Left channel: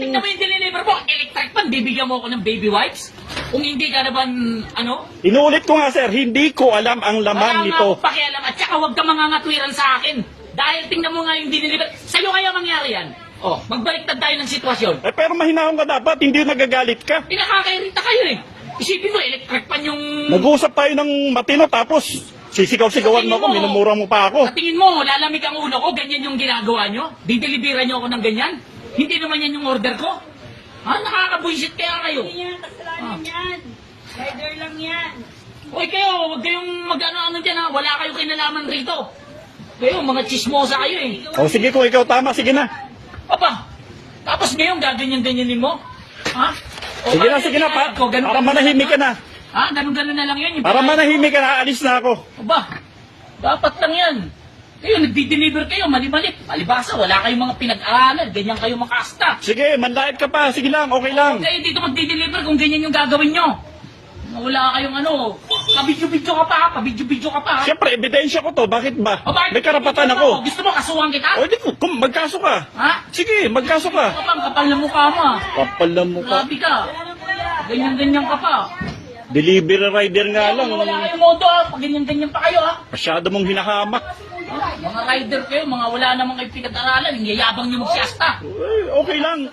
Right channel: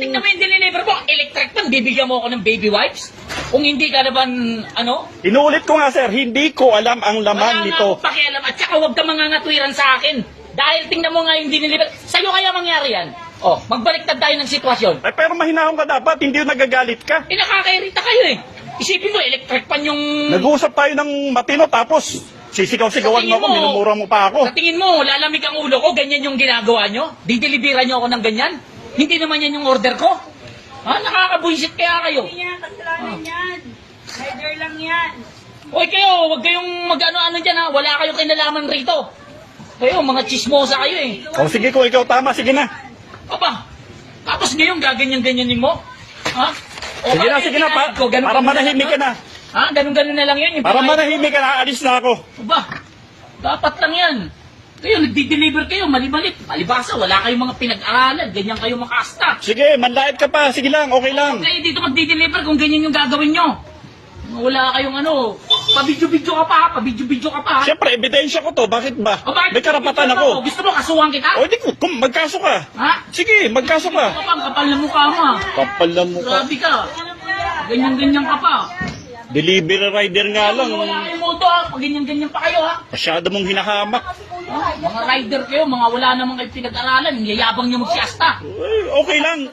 tingnan mo yung deliver mo, electric pan, bibigyan mo ako ng baby wipes? Kung hindi ka naman, ano? Inuulit ko nga sir, hindi ko alam ang laman Wala nito. nga akong pakialam at saka huwag ka mangangatwiran sa akin. Dahil tingnan mo nga yung deliver. Sa'yo kaya mangyari yan. Oh, magbaliktad tayo ng sitwasyon. Ay, pero mahinahon ka dapat, hindi yung nagagalit ka. Nakakairita kayo eh. Isipin mo, electric pan yung... Nag-uusap tayo ng matino tapos sisigaw-sigawan mo ako, minumura mo pa ako. Sa tingin mo, lalamig ang ulo ko, ganyan yung ginagawa nyo? Dideliveran nyo ako ng ganyan? Hindi naman yan yung order ko? Ha? Nakakabuisit kaya kayo. Hindi yan, kasalanan yan. Rider lang yan. Hoy kayo, huwag kayong mag-ano-ano dyan ha. Wala kayong kinalaman rito. Kayo, mga chismosa kayo eh. O sige, kung ikaw tama, sige na. Aba, tapos ngayon gaganyan-ganyanin mo? Ha? O, Sige na, para manahimik ka na. Ha? Ganun-ganun na lang yan. Para manahimik ka na, alis na ako. Aba, dapat lang yan. Kayo, nagdi-deliver kayo, mali-mali. Palibasa, wala kayong mga pinag-aralan. Ganyan kayo makasta. Sige, manlait ka pa, sige lang, okay lang. Kayo dito magdi-deliver kung ganyan yung gagawin nyo. Wala kayong ano, pabidyo-bidyo ka pa, pabidyo-bidyo ka pa. Siyempre, ebidensya ko to, bakit ba? O, bakit May karapatan ako. Gusto mo kasuhan kita? O, di ko, magkaso ka. Ha? Sige, magkaso ka. Kapal na mukha mo ha. Kapal na mukha. Grabe ka. Ganyan-ganyan ka pa. Delivery rider nga lang. Wala kayong moto ha. Pag ganyan-ganyan pa kayo ha. Masyado mong hinahamak. Mga rider kayo, mga wala namang kayo pinag-aralan. Yayabang nyo magsiasta. Uy, okay lang.